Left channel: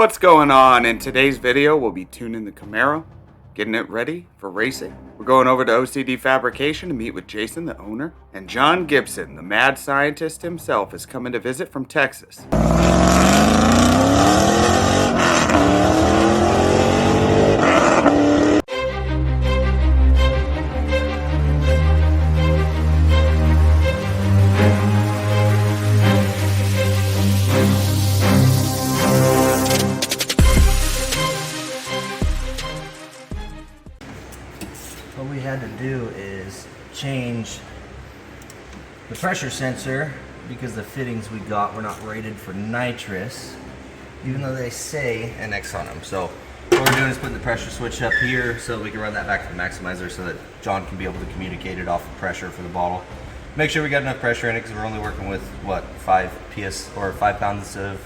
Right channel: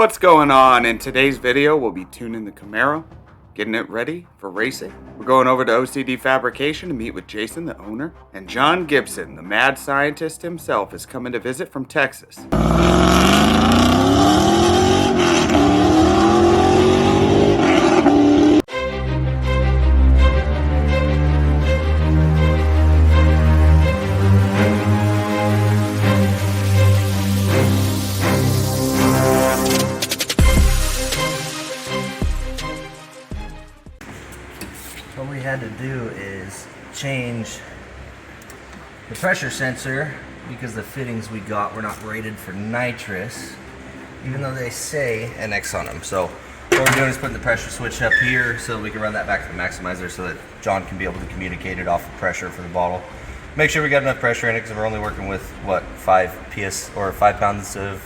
What's going on? In today's video, we'll be tuning the Camaro, getting it ready for racing. We're going over to OCD Fabrication to meet with Jason, the owner, and John Gibson, the mad scientist himself, is coming to visit from Texas. What we had to do is change the pressure sensor because the fittings we got were not rated for nitrous, even though they say NX on them. So what we're doing is putting the pressure switch up here so that we can run that back to the maximizer so that John can be able to communicate it off of pressure for the bottle. Make sure we got enough pressure in it because we're only working with what, 5 pounds of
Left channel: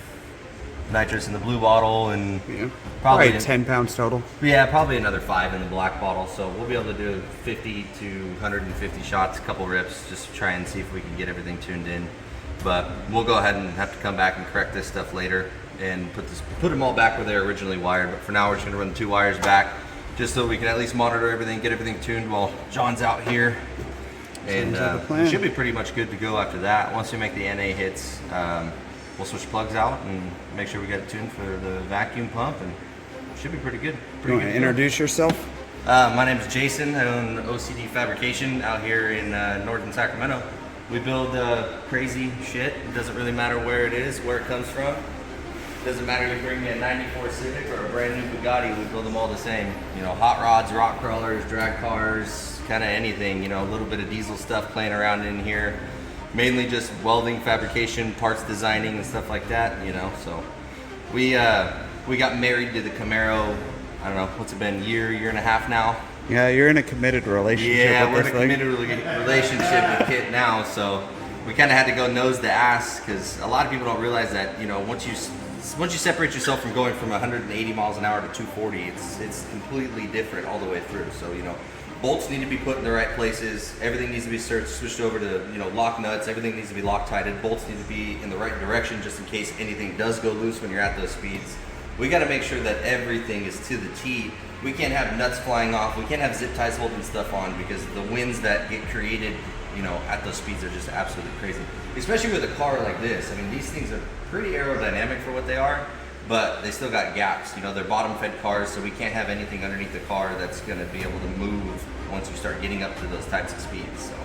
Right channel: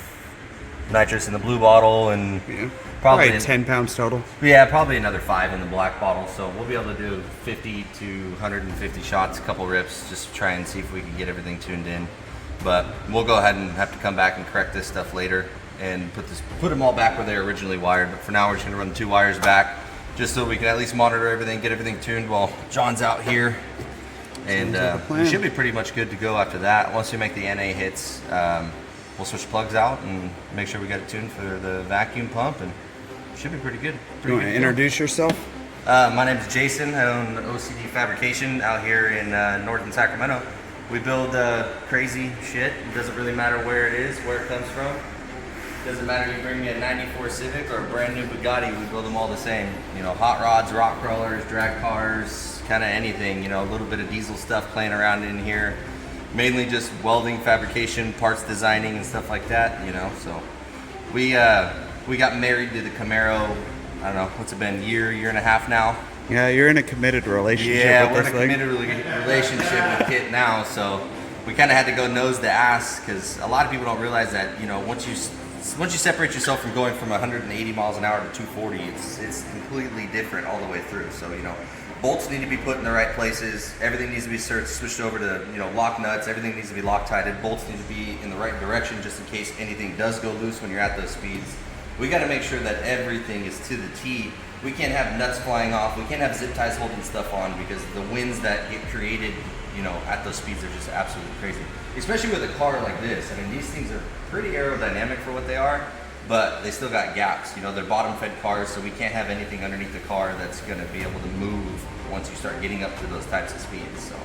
nitrous in the blue bottle, and Yeah, probably 10 pounds total. Yeah, probably another 5 in the black bottle. So we'll be able to do 50 to 150 shots, a couple rips, just to try and see if we can get everything tuned in. But we'll go ahead and have to come back and correct this stuff later and put them all back where they were originally wired. But for now, we're just gonna run the 2 wires back just so we can at least monitor everything, get everything tuned while John's out here. And we should be pretty much good to go after that. Once we make the NA hits, we'll switch plugs out and make sure we get it tuned for the vacuum pump, and should be pretty good. You want to introduce yourself? My name is Jason. I own OCD Fabrication out here in northern Sacramento. We build crazy shit. It doesn't really matter where it is, where it comes from. Doesn't matter if you bring me a 94 Civic or a brand new Bugatti, we build them all the same. You know, hot rods, rock crawlers, drag cars, kind of anything. You know, a little bit of diesel stuff playing around in here. Mainly just welding, fabrication, parts designing, and stuff like that, you know. So we got married to the Camaro, I don't know, what's it been, year and a half now? Yeah, you're in a committed relationship with this thing. Yeah, we're in a committed relationship with KITT now, so we kind of had to go nose to ass, because a lot of people don't realize that, you know, once you separate yourself from going from 180 miles an hour to 240, it's completely different all the way through. So, you know, bolts need to be put in the right places. Everything needs to be switched over to, you know, lock nuts. Everything needs to be Loctited. Bolts need to be in the right direction just in case anything does go loose when you're at those speeds. We got to make sure that everything is to the T. We can't have nuts flying off. We can't have zip ties holding stuff on, because the winds that get created, you know, at those speeds are just absolutely crazy. Especially with a car like this. I mean, these things are pretty aerodynamic for what they are, but they still got gaps. You know, they're bottom fed cars, so we can't have anything underneath the car that's going to be able to move once you start getting up to those types of speeds. So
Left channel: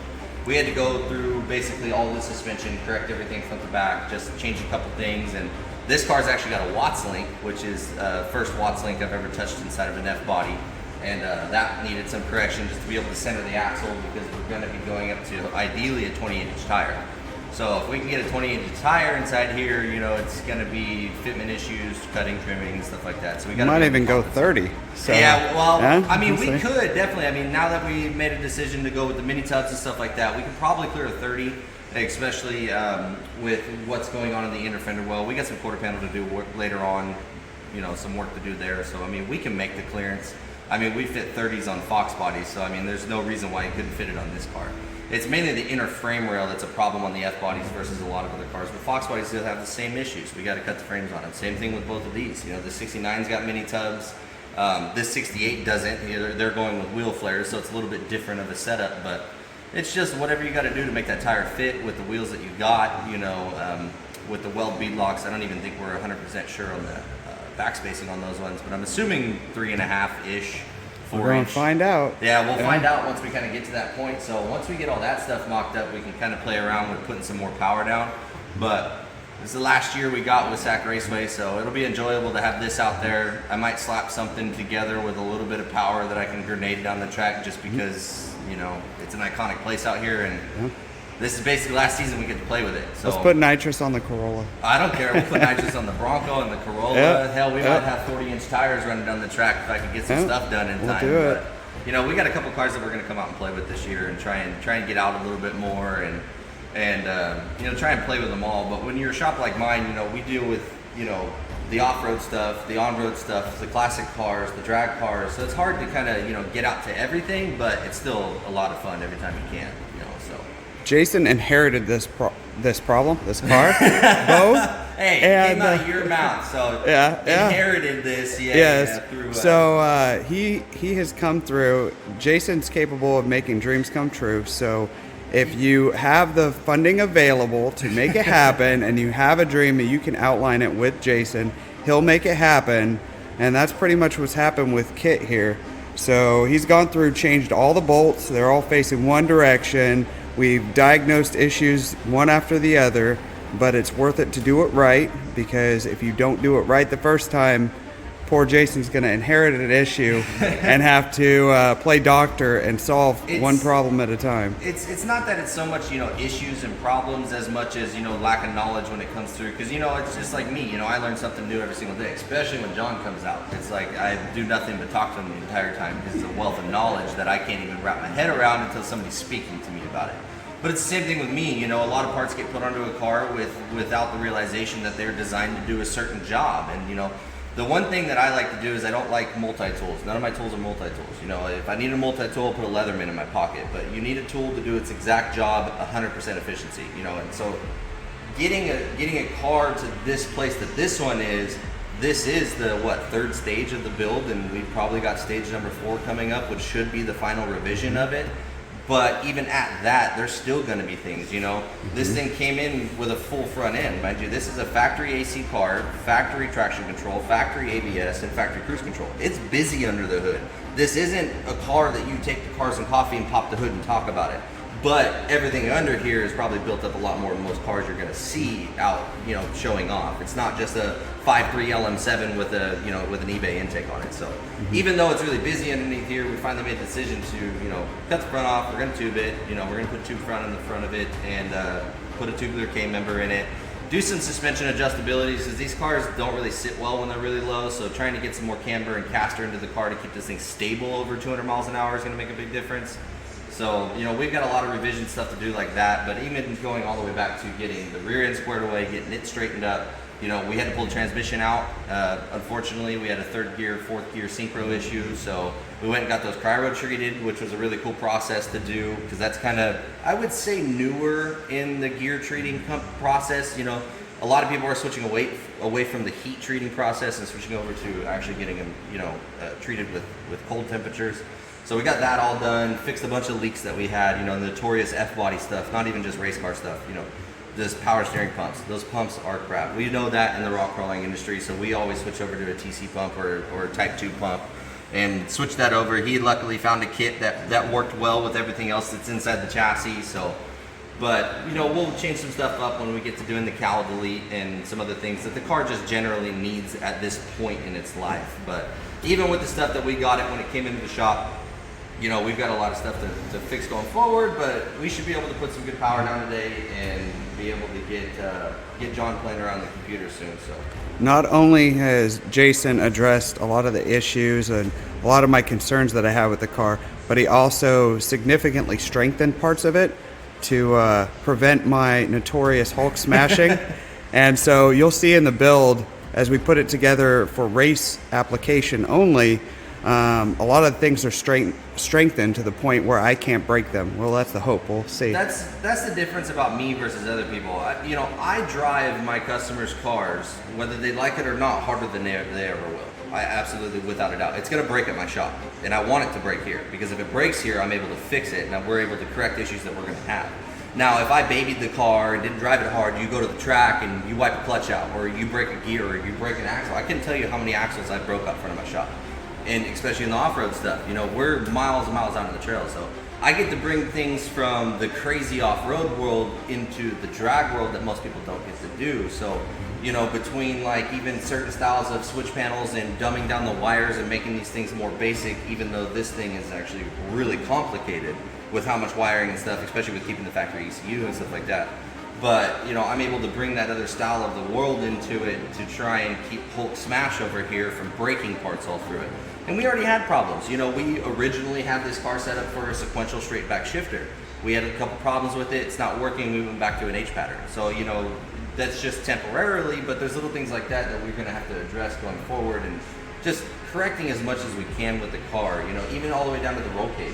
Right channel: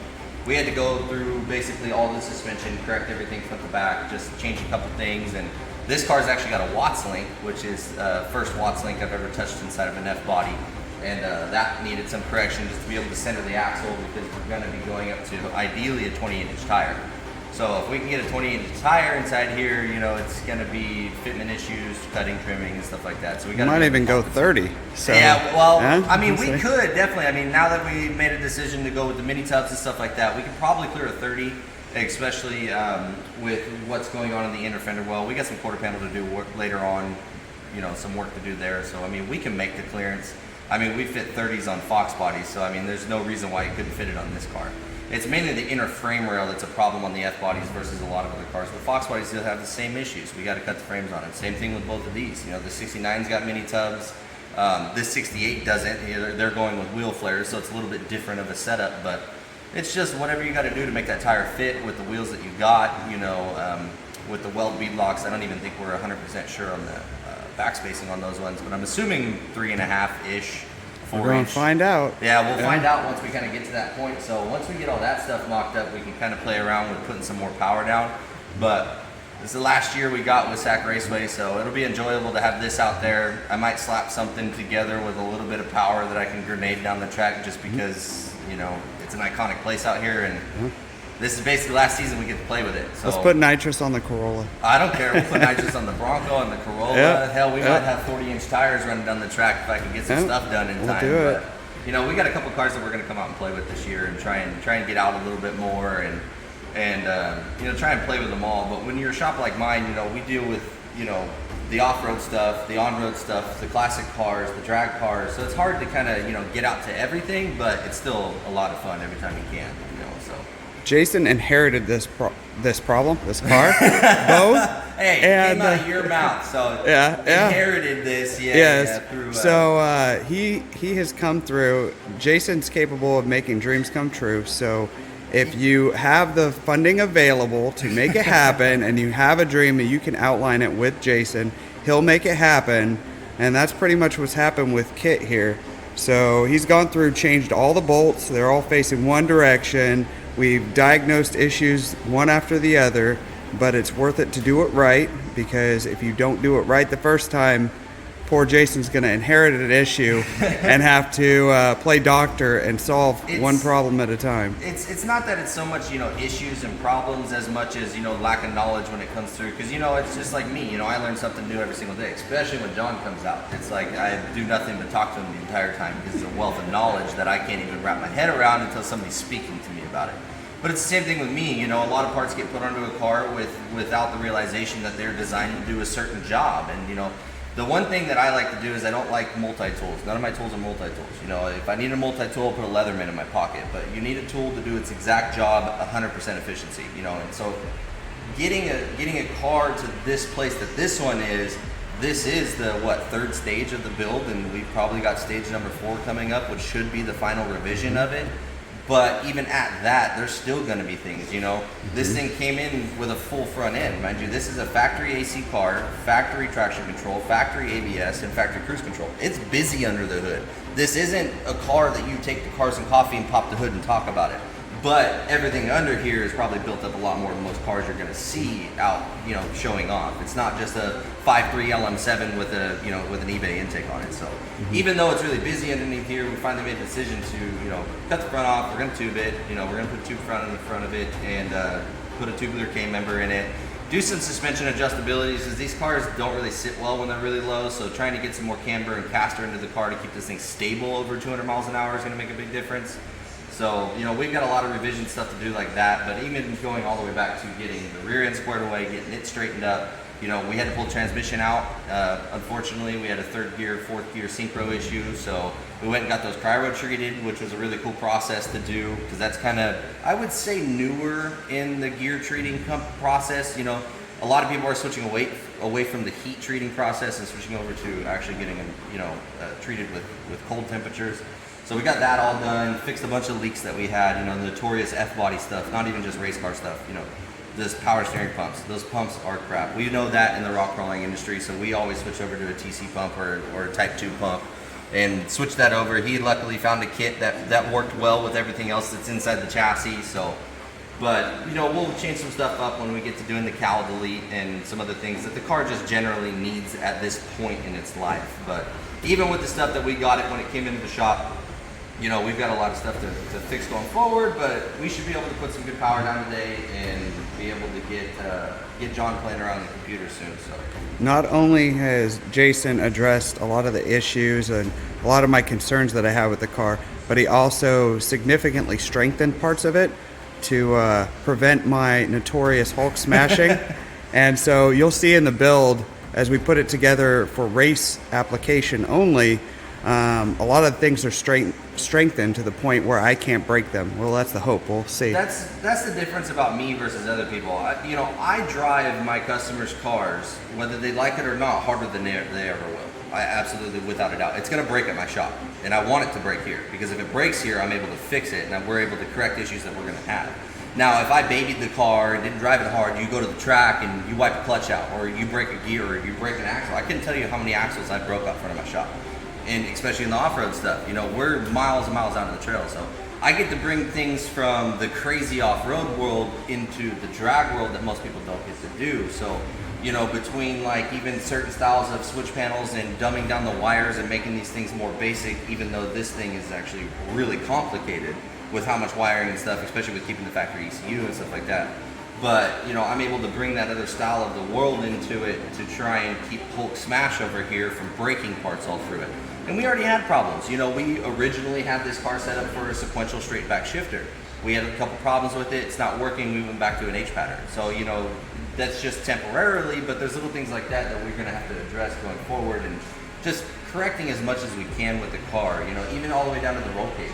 we had to go through basically all the suspension, correct everything front to back, just change a couple things. And this car's actually got a Watts link, which is first Watts link I've ever touched inside of an F body. And that needed some correction just to be able to center the axle, because we're going to be going up to ideally a 28-inch tire. So if we can get a 28-inch tire inside here, you know, it's going to be fitment issues, cutting, trimming, and stuff like that. So we got might even go 30. So yeah, well, yeah, I mean, we could definitely. I mean, now that we made a decision to go with the mini tubs and stuff like that, we could probably clear a 30, especially with what's going on in the inner fender well. We got some quarter panel to do later on, you know, some work to do there. So I mean, we can make the clearance. I mean, we fit 30s on Fox bodies, so I mean, there's no reason why you couldn't fit it on this car. It's mainly the inner frame rail that's a problem on the F bodies versus a lot of other cars. The Fox bodies still have the same issues. We got to cut the frames on it. Same thing with both of these. You know, the 69's got mini tubs. This 68 doesn't. You know, they're going with wheel flares, so it's a little bit different of a setup. But it's just whatever you got to do to make that tire fit with the wheels that you got. You know, with the weld bead locks, I don't even think we're 100% sure on the back spacing on those ones, but I'm assuming 3.5-ish. We're going to find out. Yeah, we'll find out once we kind of get to that point. So once we get all that stuff mocked up, we can kind of play around with putting some more power down. But this is the last year we got with Sac Raceway, so it'll be enjoyable to have this out there. I might slap something together with a little bit of power that I can grenade down the track, just because, you know, it's an iconic place out here, and this is basically last season we get to play with it. So let's put nitrous on the Corolla. I don't care. We'll put nitrous on the Bronco and the Corolla. Yep. Hell, we might have 40-inch tires running down the track if I could get some stuff done in time. We'll do it. But, you know, we got a couple cars that we're going to come out and play with this year and try and get out a little bit more and you know, try and play with them all. But when you're a shop like mine, you know, we deal with, you know, the off-road stuff, the on-road stuff, the classic cars, the drag cars. So it's hard to kind of, you know, get out to everything, but it's still a lot of fun every time you can, you know. So Jason inherited this problem, this car, both. Hey, it came out of your mouth, so inherited this. Through, so he has come through. Jason's capable of making dreams come true. So if you have the funding available to make it happen, and you have a dream and you can outline it with Jason, he'll make it happen. And that's pretty much what's happened with KITT here. So he's gone through, changed all the bolts. They're all facing one direction. We've diagnosed issues one after the other. But it's worth it to do it right, because if you don't do it right the first time, poor Jason's going to inherit an issue and have to play doctor and solve one problem at a time. It's not that it's so much, issues and problems as much as, lack of knowledge when it comes through. Because, it's just like me, I learn something new every single day, especially when John comes out. It's like I do nothing but talk to him the entire time, because it's a wealth of knowledge that I can't even wrap my head around until somebody's speaking to me about it. But it's the same thing with me, a lot of parts get put onto a car without the realization that they're designed to do a certain job. And, the one thing that I like to do is I don't like multi-tools. None of my tools are multi-tools. If I need a multi-tool, I'll put a Leatherman in my pocket. But you need a tool to do its exact job, 100% efficiency, and so getting a car to this place that this one is, this is the, third stage of the build, and we've probably got stage number 4 coming up, which should be the final revision of it. But even at that, there's still going to be things, This thing came in with a full front end. Mind you, this is a factory AC car, factory traction control, factory ABS, and factory cruise control. It's busy under the hood. This isn't a car that you take to Cars and Coffee and pop the hood and talk about it. But everything under here is probably built up a lot more than most cars you're going to see out, showing off. It's not just a 5.3 LM7 with a, with an eBay intake on it. So even though it's really busy underneath here, we finally made a decision to, cut the front off. We're going to tube it. We're going to put tube front in the front of it and put a tubular K member in it. Do some suspension adjustabilities, because these cars don't really sit well when they're really low. So trying to get some more camber and caster into the car to keep this thing stable over 200 miles an hour is going to make a big difference. So, we've got a lot of revision stuff to do like that, but even going all the way back to getting the rear end squared away, getting it straightened up, we had to pull the transmission out. Unfortunately, we had a 3rd gear, 4th gear synchro issue, so we went and got those cryo treated, which was a really cool process to do, because that's kind of, I would say, newer in the gear treating process. A lot of people are switching away from the heat treating process and switching over to actually getting them, treated with cold temperatures. So we got that all done, fixed a bunch of leaks that we had, the notorious F-body stuff, not even just race car stuff, this power steering pumps. Those pumps are crap. We know that in the rock crawling industry, so we always switch over to a TC pump or a Type 2 pump and switch that over. He luckily found a kit that worked well with everything else that's inside the chassis. So, but, we'll change some stuff up when we get to doing the cowl delete and some other things that the car just generally needs at this point in its life. But even with the stuff that we got it when it came into the shop, we've got a lot of stuff to fix going forward, but we should be able to put some good power down today and be able to get John playing around the computer soon. So, not only has Jason addressed a lot of the issues and a lot of my concerns that I have with the car, but he also significantly strengthened parts of it to prevent my notorious Hulk smashing. And so you'll see in the build, as we put it together for race application only, a lot of things are strengthened to the point where I can't break them. Well, that's the hope. We'll see. That's the difference about me versus other people. I drive my customers' cars, whether they like it or not, harder than they ever will. I absolutely, without a doubt. It's going to break at my shop, and I want it to break here, because if it breaks here, I'm able to fix it, and we're able to correct issues that we're going to have. Now, if I babied the car and didn't drive it hard, you go to the track and you wipe a clutch out, or you break a gear, or you break an axle. I couldn't tell you how many axles I broke out front of my shop. And especially in the off-road stuff, we're miles and miles out of the trail. So I get to bring things from the crazy off-road world into the drag world that most people don't get to do. So, between like even certain styles of switch panels and dumbing down the wires and making these things more basic, even though this thing is actually really complicated with how much wiring and stuff, especially with keeping the factory ECU and stuff like that. But, I'm able to bring that other style of the world into it to try and keep Hulk Smash over here from breaking parts all through it. And we already had problems. We originally had this car set up for a sequential straight back shifter. We had a couple problems with it. It's not working. We went back to an H pattern. So, that's just temporarily, but there's little things like that we're going to have to address going forward, and just correcting as much as we can with the car, even all the way down to the roll cage.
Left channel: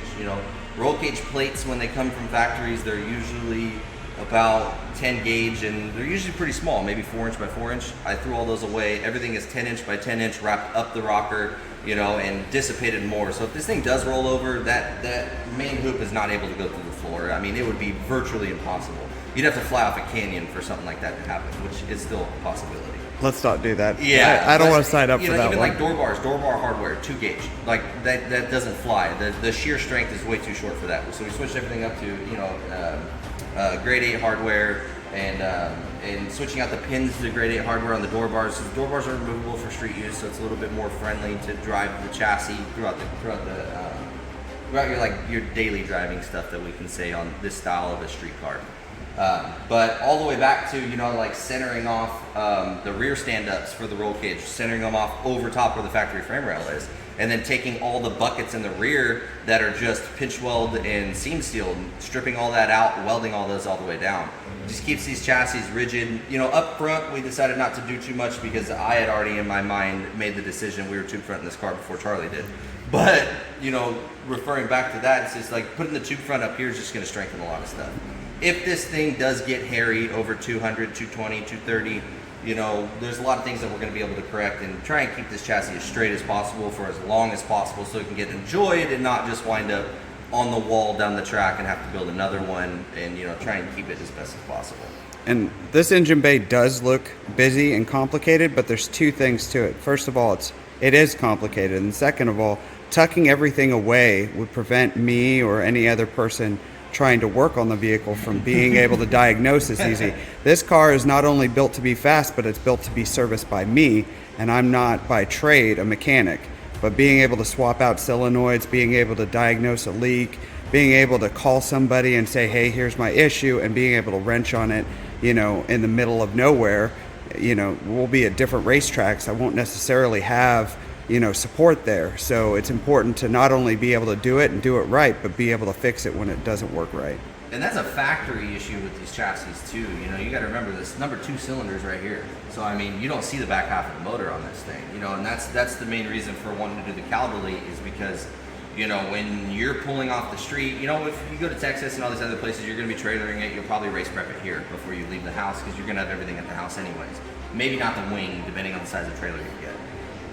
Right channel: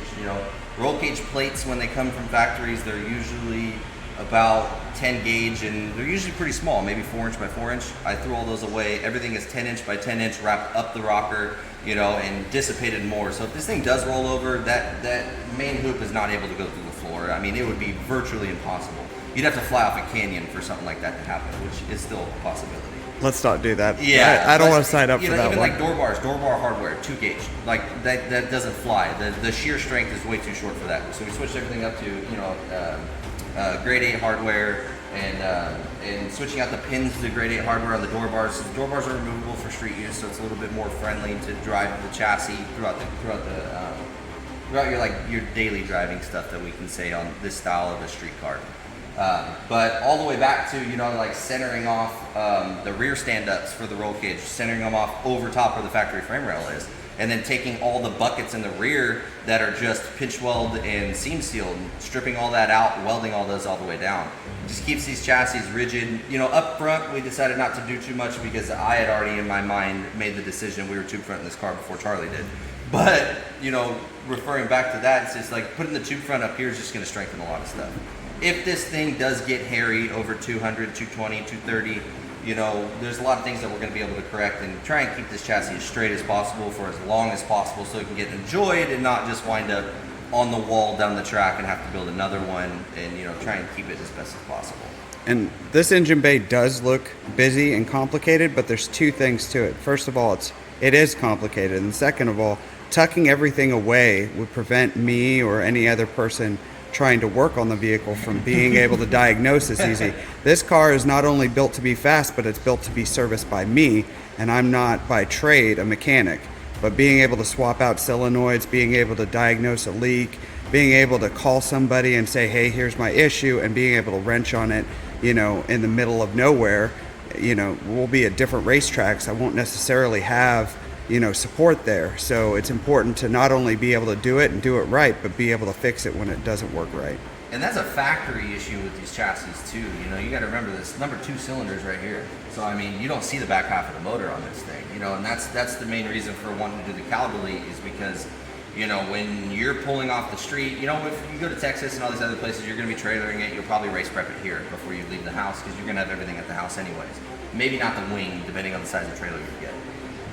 Roll cage plates, when they come from factories, they're usually about 10 gauge, and they're usually pretty small, maybe 4" by 4". I threw all those away. Everything is 10" by 10", wrapped up the rocker, you know, and dissipated more. So if this thing does roll over, that main hoop is not able to go through the floor. I mean, it would be virtually impossible. You'd have to fly off a canyon for something like that to happen, which is still a possibility. Let's not do that. Yeah, I don't want to sign up for that even one. like door bar hardware, 2 gauge, like that doesn't fly. The shear strength is way too short for that. So we switched everything up to, you know, grade 8 hardware, and switching out the pins to grade 8 hardware on the door bars. So the door bars are removable for street use, so it's a little bit more friendly to drive the chassis throughout your daily driving stuff that we can say on this style of a street car. But all the way back to, you know, like centering off the rear stand-ups for the roll cage, centering them off over top where the factory frame rail is, and then taking all the buckets in the rear that are just pinch weld and seam sealed, stripping all that out, welding all those all the way down. It just keeps these chassis rigid. You know, up front we decided not to do too much because I had already in my mind made the decision we were tube front in this car before Charlie did. But, you know, referring back to that, it's just like putting the tube front up here is just going to strengthen a lot of stuff. If this thing does get hairy over 200, 220, 230, you know, there's a lot of things that we're going to be able to correct and try and keep this chassis as straight as possible for as long as possible so it can get enjoyed and not just wind up on the wall down the track and have to build another one, and, you know, try and keep it as best as possible. And this engine bay does look busy and complicated, but there's 2 things to it. First of all, it is complicated, and second of all, tucking everything away would prevent me or any other person trying to work on the vehicle from being able to diagnose this easy. This car is not only built to be fast, but it's built to be serviced by me, and I'm not by trade a mechanic. But being able to swap out solenoids, being able to diagnose a leak, being able to call somebody and say, hey, here's my issue, and being able to wrench on it, you know, in the middle of nowhere. You know, we'll be at different racetracks. I won't necessarily have, you know, support there. So it's important to not only be able to do it and do it right, but be able to fix it when it doesn't work right. And that's a factory issue with these chassis too. You know, you got to remember this number 2 cylinders right here. So I mean, you don't see the back half of the motor on this thing. You know, and that's the main reason for wanting to do the cowl delete, is because, you know, when you're pulling off the street, you know, if you go to Texas and all these other places, you're going to be trailering it. You'll probably race prep it here before you leave the house, because you're going to have everything at the house anyways. Maybe not the wing, depending on the size of trailer you get.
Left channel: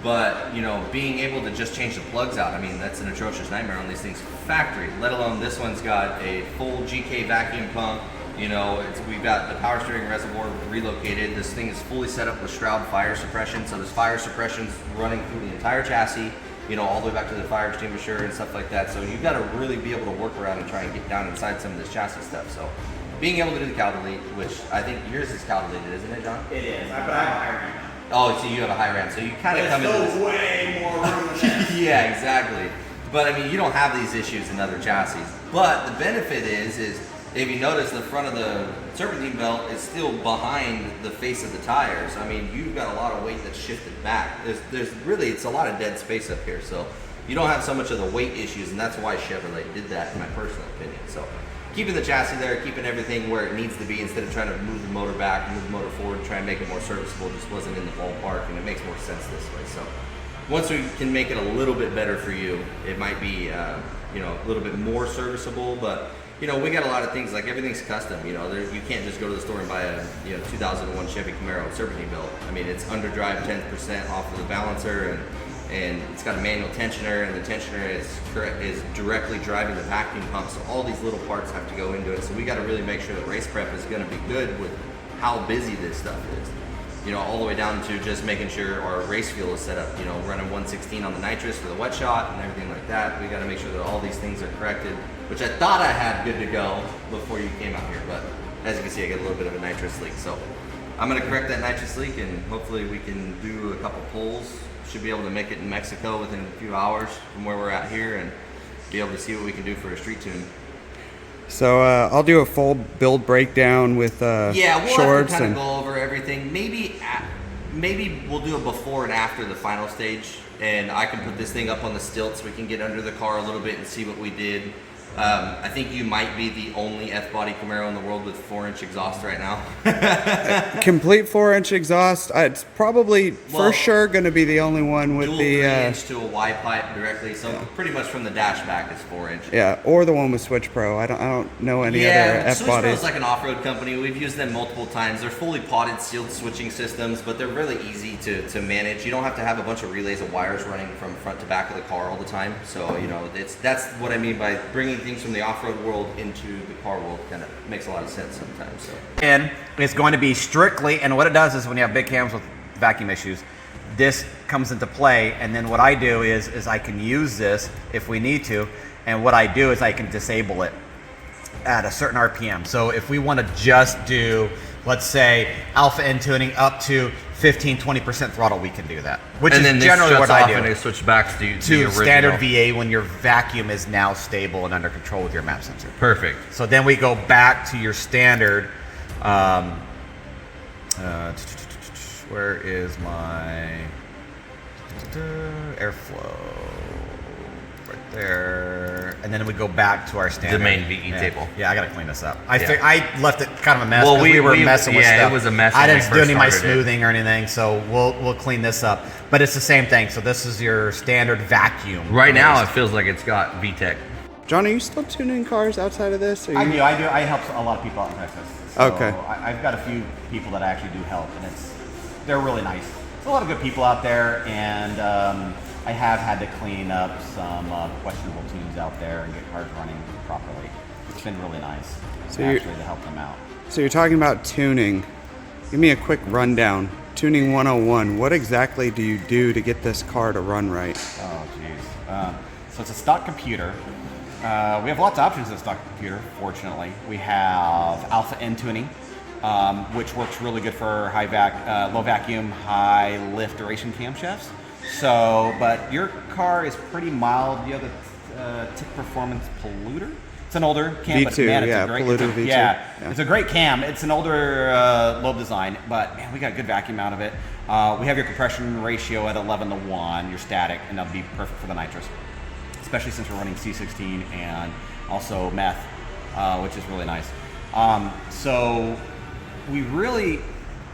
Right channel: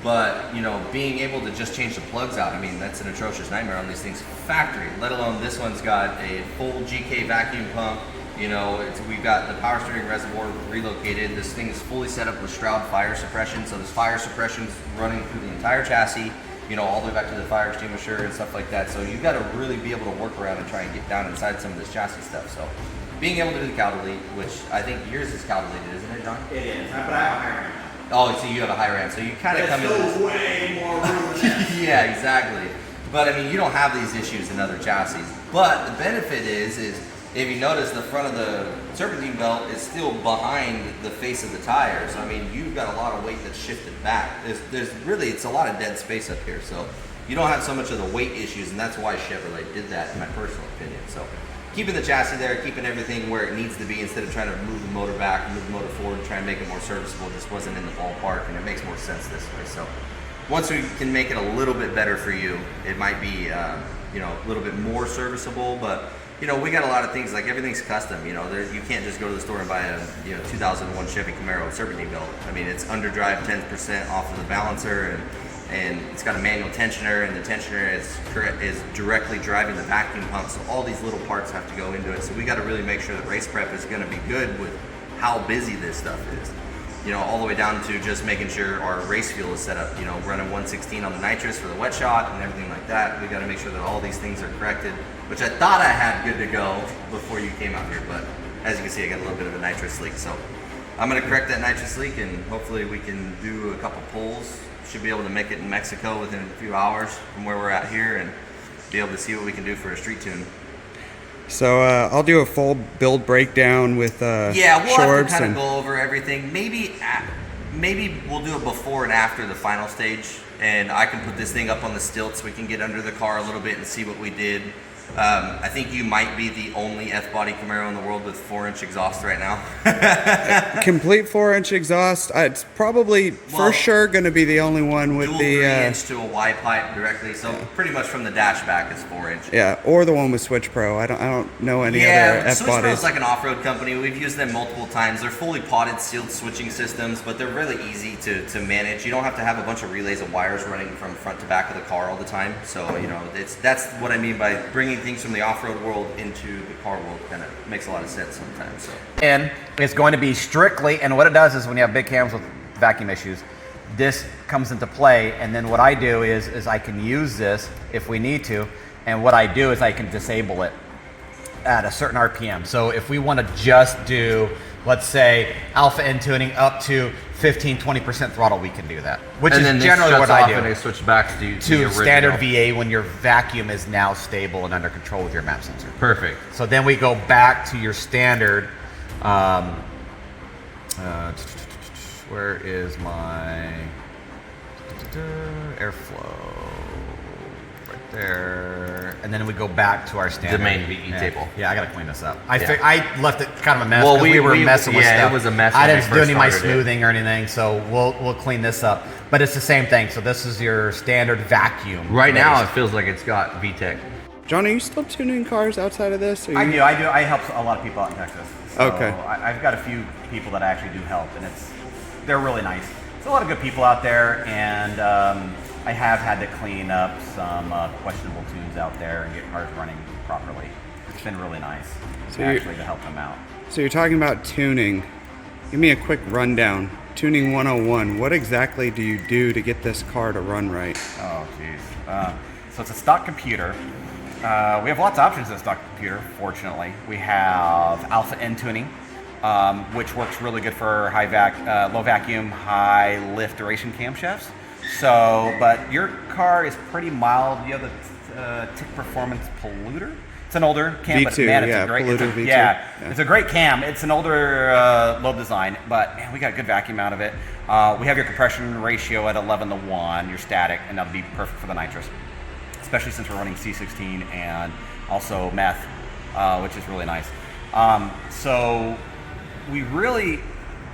But, you know, being able to just change the plugs out, I mean, that's an atrocious nightmare on these things factory, let alone this one's got a full GK vacuum pump. You know, we've got the power steering reservoir relocated. This thing is fully set up with Stroud fire suppression. So there's fire suppression's running through the entire chassis, you know, all the way back to the fire extinguisher and stuff like that. So you've got to really be able to work around and try and get down inside some of this chassis stuff. So being able to do the cowl delete, which I think yours is cowl deleted, isn't it, John? It is, but I have a high ramp. Oh, so you have a high ramp, so you kind of come in. There's still way more room than that. Yeah, exactly. But I mean, you don't have these issues in other chassis. But the benefit is if you notice, the front of the serpentine belt is still behind the face of the tires. I mean, you've got a lot of weight that's shifted back. There's really, it's a lot of dead space up here, so you don't have so much of the weight issues, and that's why Chevrolet did that, in my personal opinion. So keeping the chassis there, keeping everything where it needs to be, instead of trying to move the motor back, move the motor forward, and try and make it more serviceable, just wasn't in the ballpark, and it makes more sense this way. So once we can make it a little bit better for you, it might be, you know, a little bit more serviceable. But, you know, we got a lot of things, like everything's custom. You know, you can't just go to the store and buy a, you know, 2001 Chevy Camaro serpentine belt. I mean, it's underdrive 10% off of the balancer, and it's got a manual tensioner, and the tensioner is directly driving the vacuum pump. So all these little parts have to go into it. So we got to really make sure that race prep is going to be good with how busy this stuff is. You know, all the way down to just making sure our race fuel is set up, you know, running 116 on the nitrous for the wet shot and everything like that. We got to make sure that all these things are corrected, which I thought I had good to go before you came out here. But as you can see, I got a little bit of a nitrous leak. So I'm going to correct that nitrous leak, and hopefully we can do a couple pulls. Should be able to make it in Mexico within a few hours from where we're at here, and be able to see what we can do for a street tune. So I'll do a full build breakdown with yeah, we'll shorts have to kind and of go over everything. Maybe we'll do a before and after the final stage, and I can put this thing up on the stilts. We can get under the car a little bit and see what we did. I think you might be the only F-body Camaro in the world with 4-inch exhaust right now. Complete 4-inch exhaust. It's probably for sure going to be the only one with dual the 3-inch to a Y pipe directly. So pretty much from the dash back is 4-inch. Yeah, or the one with Switch Pro. I don't know any other F Switch Pro bodies. is like an off-road company. We've used them multiple times. They're fully potted, sealed switching systems, but they're really easy to manage. You don't have to have a bunch of relays and wires running from front to back of the car all the time. So you know, that's what I mean by bringing things from the off-road world into the car world. Kind of makes a lot of sense sometimes. So. And it's going to be strictly, and what it does is when you have big cams with vacuum issues, this comes into play, and then what I do is I can use this if we need to, and what I do is I can disable it at a certain RPM. So if we want to just do, let's say, alpha N tuning up to 15-20% throttle, we can do that. Which and is then generally what I do. And it switch back to standard VA when your vacuum is now stable and under control with your map sensor. Perfect. So then we go back to your standard. Where is my airflow? Right there. And then we go back to our standard. The main VE table. Yeah, I gotta clean this up. I left it kind of a mess. Well, we were messing with stuff. Yeah, it was a mess. I didn't do any of my smoothing or anything, so we'll clean this up. But it's the same thing. So this is your standard vacuum. Right now, it feels like it's got VTEC. John, are you still tuning cars outside of this? I do. I help a lot of people out in Texas. So Okay. I've got a few people that I actually do help, and they're really nice. There's a lot of good people out there, and I have had to clean up some questionable tunes out there and get cars running properly. It's been really nice to help them out. So you're talking about tuning. Give me a quick rundown. Tuning 101. What exactly do you do to get this car to run right? Oh, geez. So it's a stock computer. We have lots of options in the stock computer, fortunately. We have alpha N tuning, which works really good for low vacuum, high lift duration camshafts. So, but your car is pretty mild. You have the TICK Performance Polluter. It's an older cam, but man, it's a great Polluter V2. Yeah, it's a great cam. It's an older lobe design, but man, we got a good vacuum out of it. We have your compression ratio at 11:1, your static, and that'll be perfect for the nitrous, especially since we're running C16 and also meth, which is really nice. So we really,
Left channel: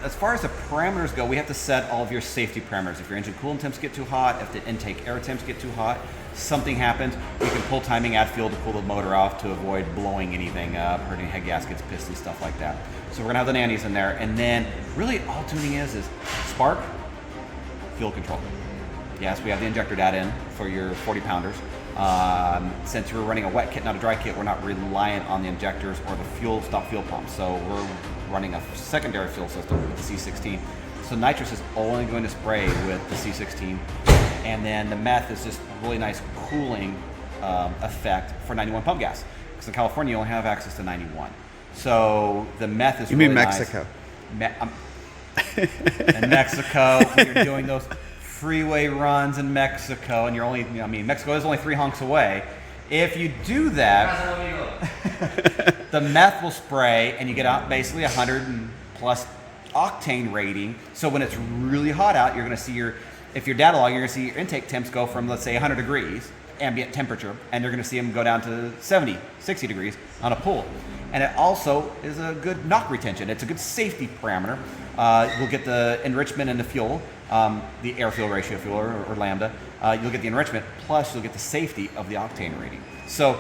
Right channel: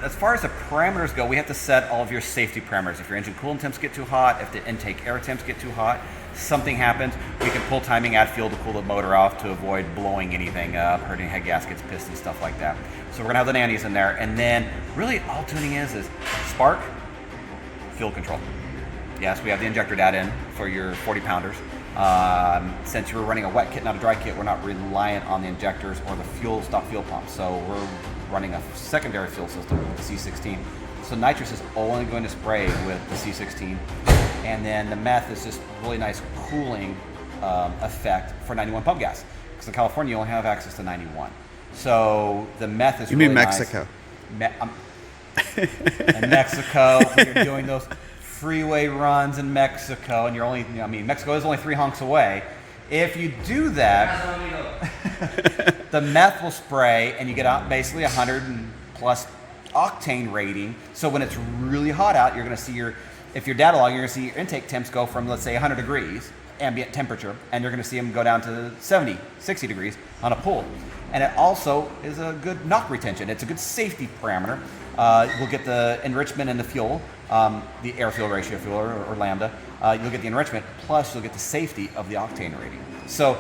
as far as the parameters go, we have to set all of your safety parameters. If your engine coolant temps get too hot, if the intake air temps get too hot, something happens, we can pull timing, add fuel to cool the motor off to avoid blowing anything up, hurting head gaskets, pistons, stuff like that. So we're gonna have the nannies in there, and then really all tuning is spark, fuel control. Yes, we have the injector data in for your 40 pounders. Since you're running a wet kit, not a dry kit, we're not reliant on the injectors or the stock fuel pump. So we're running a secondary fuel system with the C16. So nitrous is only going to spray with the C16. And then the meth is just really nice cooling effect for 91 pump gas. Because in California, you only have access to 91. So the meth is You really mean nice. Mexico? In Mexico, when you're doing those freeway runs in Mexico, and you're only, Mexico is only 3 honks away. If you do that, the meth will spray, and you get out basically 100 and plus octane rating. So when it's really hot out, you're going to see if you're data logging, you're going to see your intake temps go from, let's say, 100 degrees ambient temperature, and you're going to see them go down to 70, 60 degrees on a pool. And it also is a good knock retention. It's a good safety parameter. We'll get the enrichment in the fuel, the air-fuel ratio fuel or lambda. You'll get the enrichment, plus you'll get the safety of the octane rating. So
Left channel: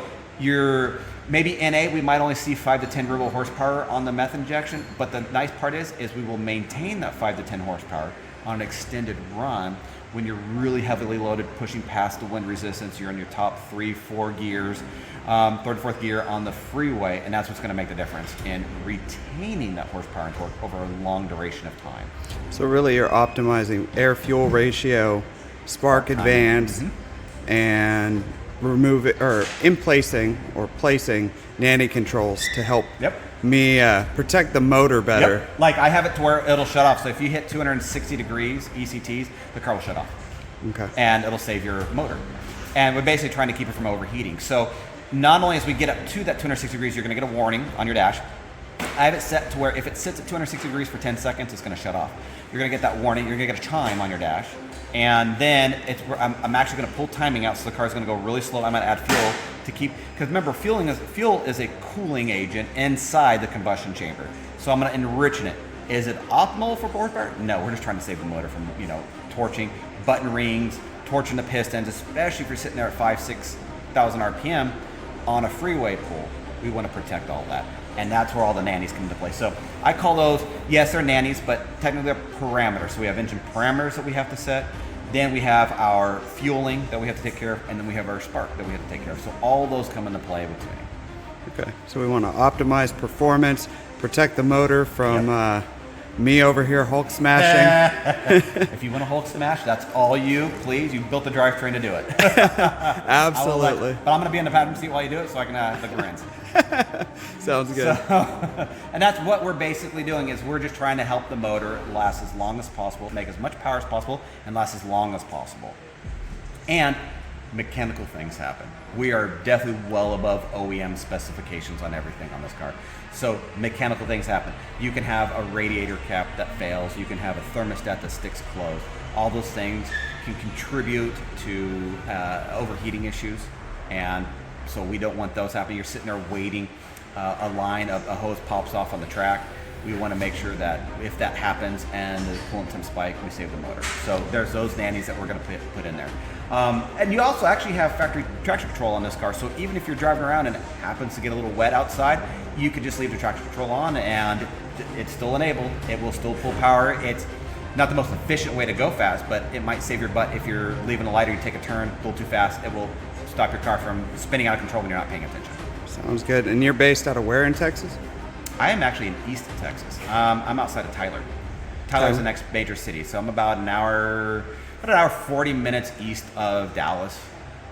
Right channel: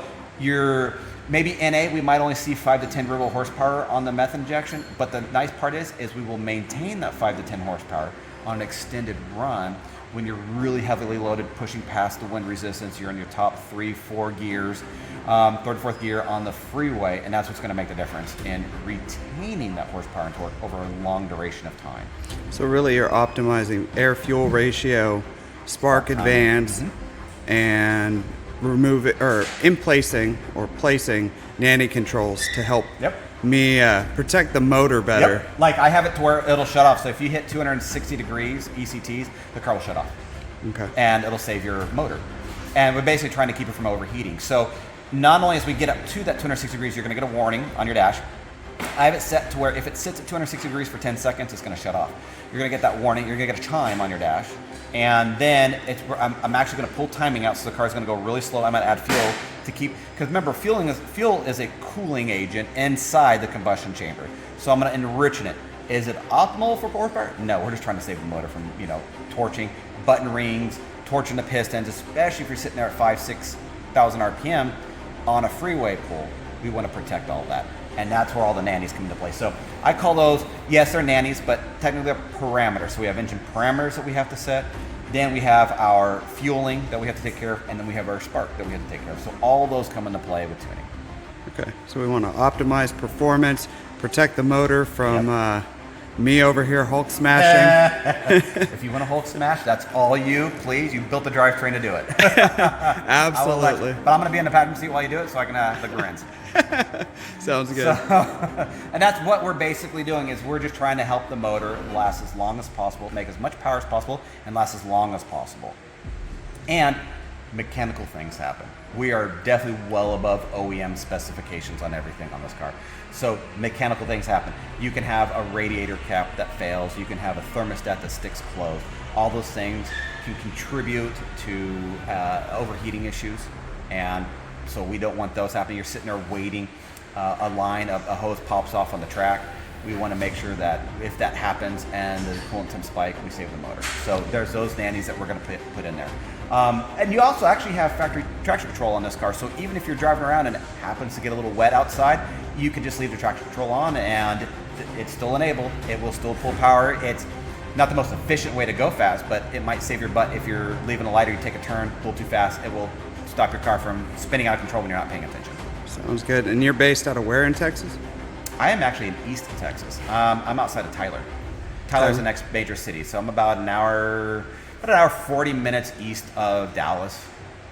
maybe NA, we might only see 5 to 10 robo horsepower on the meth injection, but the nice part is we will maintain that 5 to 10 horsepower on an extended run when you're really heavily loaded, pushing past the wind resistance. You're in your top 3, 4 gears, third, fourth gear on the freeway, and that's what's going to make the difference in retaining that horsepower and torque over a long duration of time. So really you're optimizing air-fuel ratio, spark advance, and placing nanny controls to help me protect the motor better. Yep. Like I have it to where it'll shut off. So if you hit 260 degrees ECTs, the car will shut off. Okay. And it'll save your motor. And we're basically trying to keep it from overheating. So not only as we get up to that 260 degrees, you're going to get a warning on your dash. I have it set to where if it sits at 260 degrees for 10 seconds, it's going to shut off. You're going to get that warning. You're going to get a chime on your dash. And then I'm actually going to pull timing out, so the car's going to go really slow. I'm going to add fuel to keep, because remember, fuel is a cooling agent inside the combustion chamber. So I'm going to enrich it. Is it optimal for horsepower? No, we're just trying to save the motor from, torching, button rings, torching the pistons, especially if you're sitting there at 6,000 RPM on a freeway pull. We want to protect all that. And that's where all the nannies come into play. So I call those, yes, they're nannies, but technically they're parameters. So we have engine parameters that we have to set. Then we have our fueling that we have to take care of. And then we have our spark that we have to take care of. So all those come into play with tuning. Okay, so we want to optimize performance, protect the motor from me over here Hulk smashing. If you want to Hulk smash, that's all you, please. You built the drivetrain to do it. Absolutely. But I'm going to be in the passenger seat while you do it so I can have the grins. Sounds good. And that's what we're basically doing, is we're just trying to help the motor last as long as possible, make as much power as possible, and last as long as possible. And mechanical things happen. We are definitely well above OEM specifications on everything on this car. So mechanical things happen. You can have a radiator cap that fails. You can have a thermostat that sticks closed. All those things can contribute to overheating issues. And so we don't want those happening. You're sitting there waiting, a hose pops off on the track. We want to make sure that if that happens and the coolant temps spike, we save the motor. So there's those nannies that we're going to put in there. And you also actually have factory traction control on this car. So even if you're driving around and it happens to get a little wet outside, you can just leave the traction control on and it's still enabled. It will still pull power. It's not the most efficient way to go fast, but it might save your butt if you're leaving a light or you take a turn, pull too fast. It will stop your car from spinning out of control when you're not paying attention. Sounds good. And you're based out of where in Texas? I am actually in East Texas. I'm outside of Tyler. Tyler's the next major city, so I'm about an hour 40 minutes east of Dallas.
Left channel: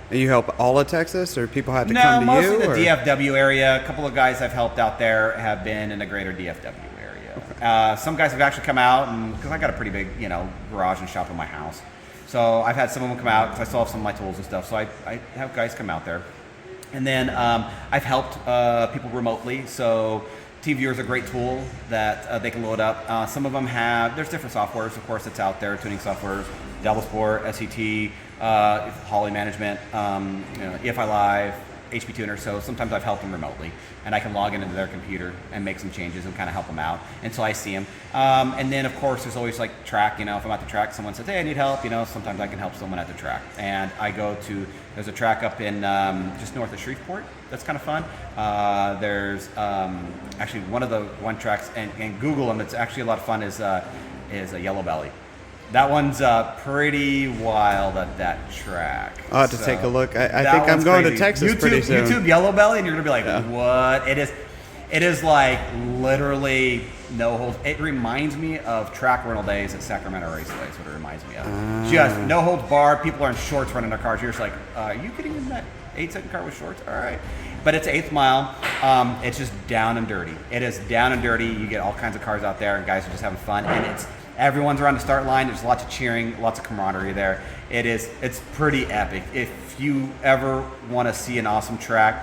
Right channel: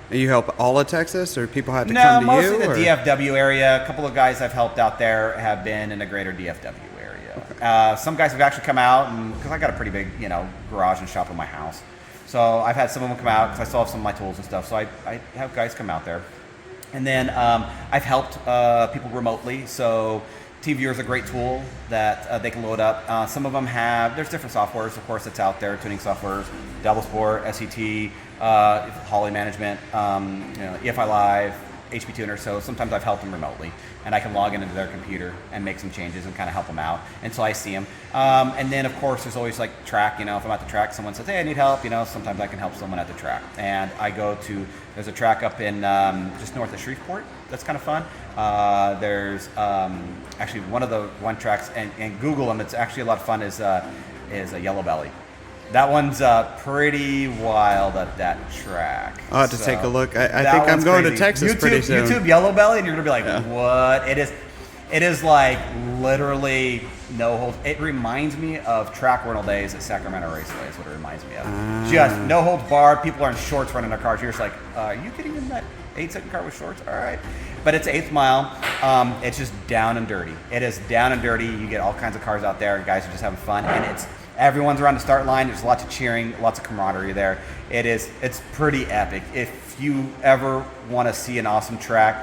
And you help all of Texas, or people had to come to you? No, mostly the or? DFW area. A couple of guys I've helped out there have been in the greater DFW area. Okay. Some guys have actually come out, and because I got a pretty big, garage and shop in my house, so I've had some of them come out because I still have some of my tools and stuff. So I have guys come out there, and then I've helped people remotely. So TViewer is a great tool that they can load up. Some of them there's different softwares, of course, that's out there, tuning softwares, Double Sport, SET, Holly Management, EFI Live, HP Tuner. So sometimes I've helped them remotely, and I can log into their computer and make some changes and kind of help them out until I see them. And then, of course, there's always like track. If I'm at the track, someone says, "Hey, I need help." Sometimes I can help someone at the track, and I go to. There's a track up in just north of Shreveport. That's kind of fun. There's actually one tracks, and Google them. It's actually a lot of fun. Is a Yellow Belly. That one's pretty wild at that track. I'll have to take a look. I think I'm going to Texas pretty soon. YouTube Yellow Belly, and you're gonna be like, "What?" It is like literally no holds. It reminds me of track rental days at Sacramento Raceway. Is what it reminds me of. Just no holds barred. People are in shorts running their cars. You're just like, "Are you getting in that 8-second car with shorts?" All right. But it's 8th mile. It's just down and dirty. It is down and dirty. You get all kinds of cars out there, and guys are just having fun. And everyone's around the start line. There's lots of cheering, lots of camaraderie there. It's pretty epic. If you ever want to see an awesome track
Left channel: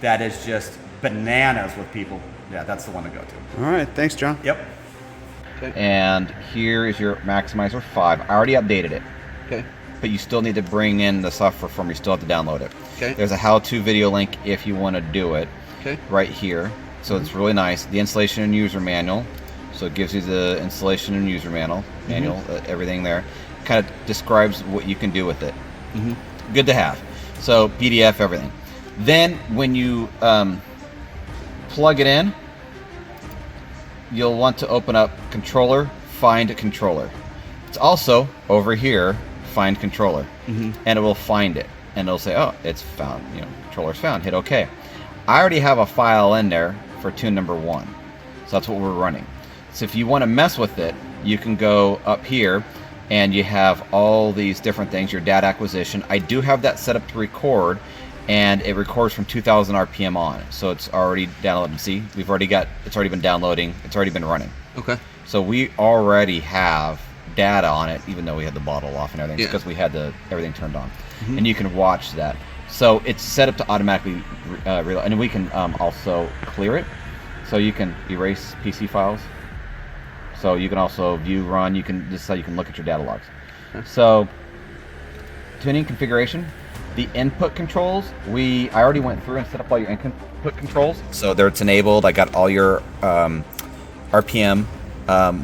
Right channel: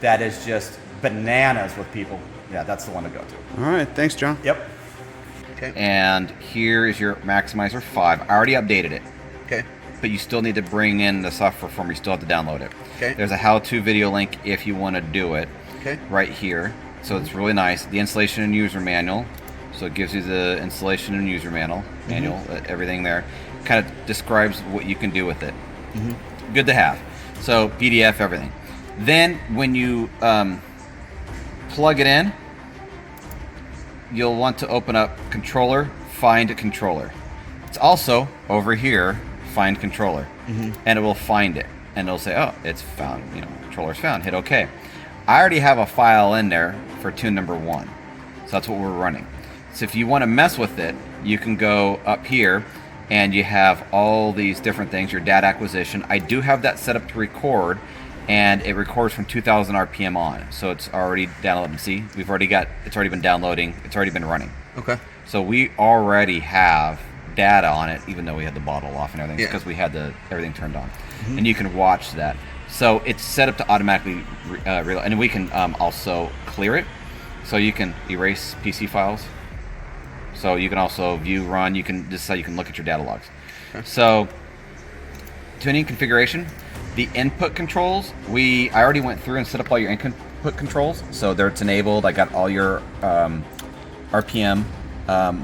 that is just bananas with people, yeah, that's the one to go to. All right. Thanks, John. Yep. Okay. And here is your Maximizer 5. I already updated it. Okay. But you still need to bring in the software form. You still have to download it. Okay. There's a how-to video link if you want to do it. Okay. Right here. So it's really nice. The installation and user manual. So it gives you the installation and user manual, everything there. Kind of describes what you can do with it. Good to have. So PDF, everything. Then when you plug it in, you'll want to open up controller, find controller. It's also over here, find controller, and it will find it, and it'll say, "Oh, it's found. Controller's found." Hit OK. I already have a file in there for tune number 1, so that's what we're running. So if you want to mess with it, you can go up here, and you have all these different things. Your data acquisition. I do have that set up to record, and it records from 2,000 RPM on. So it's already downloaded. See, it's already been downloading. It's already been running. Okay. So we already have data on it, even though we had the bottle off and everything, because we had everything turned on. And you can watch that. So it's set up to automatically reload, and we can also clear it. So you can erase PC files. So you can also view, run. You can look at your data logs. So tuning configuration, the input controls, I already went through and set up all your input controls. So there it's enabled. I got all your RPM.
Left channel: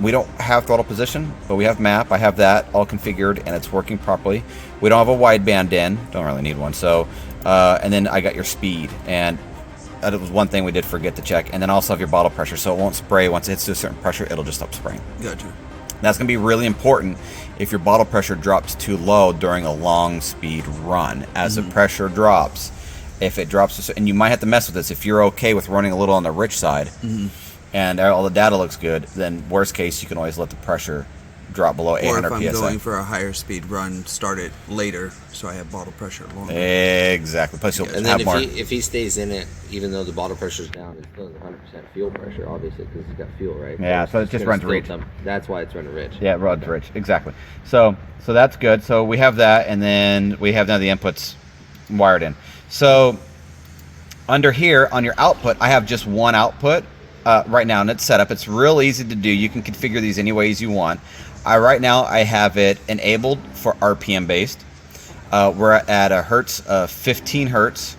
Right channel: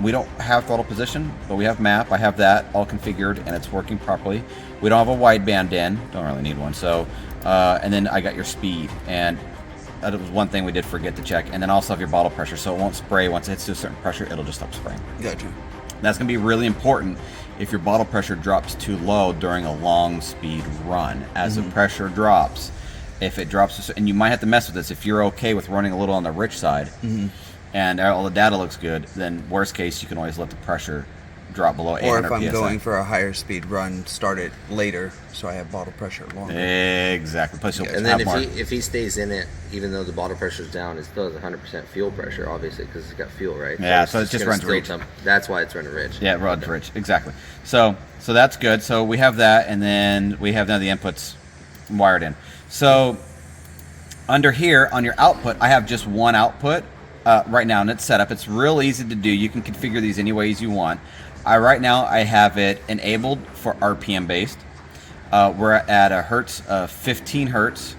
We don't have throttle position, but we have map. I have that all configured and it's working properly. We don't have a wideband in. Don't really need one. So, and then I got your speed, and that was one thing we did forget to check. And then also have your bottle pressure, so it won't spray. Once it hits to a certain pressure, it'll just stop spraying. Gotcha. That's going to be really important if your bottle pressure drops too low during a long speed run. As the pressure drops, if it drops, and you might have to mess with this if you're okay with running a little on the rich side, and all the data looks good, then worst case, you can always let the pressure drop below 800 Or if I'm PSI. going for a higher speed run, start it later so I have bottle pressure longer. Exactly. Plus you'll And then have more. if he stays in it, even though the bottle pressure's down, it still has 100% fuel pressure, obviously, because it's got fuel, right? Yeah, so it just gonna runs still rich. That's why it's running rich. Yeah, it runs rich. Exactly. So that's good. So we have that, and then we have now the inputs wired in. So under here on your output, I have just one output right now, and it's set up. It's real easy to do. You can configure these any ways you want. Right now I have it enabled for RPM based. We're at a hertz of 15 hertz.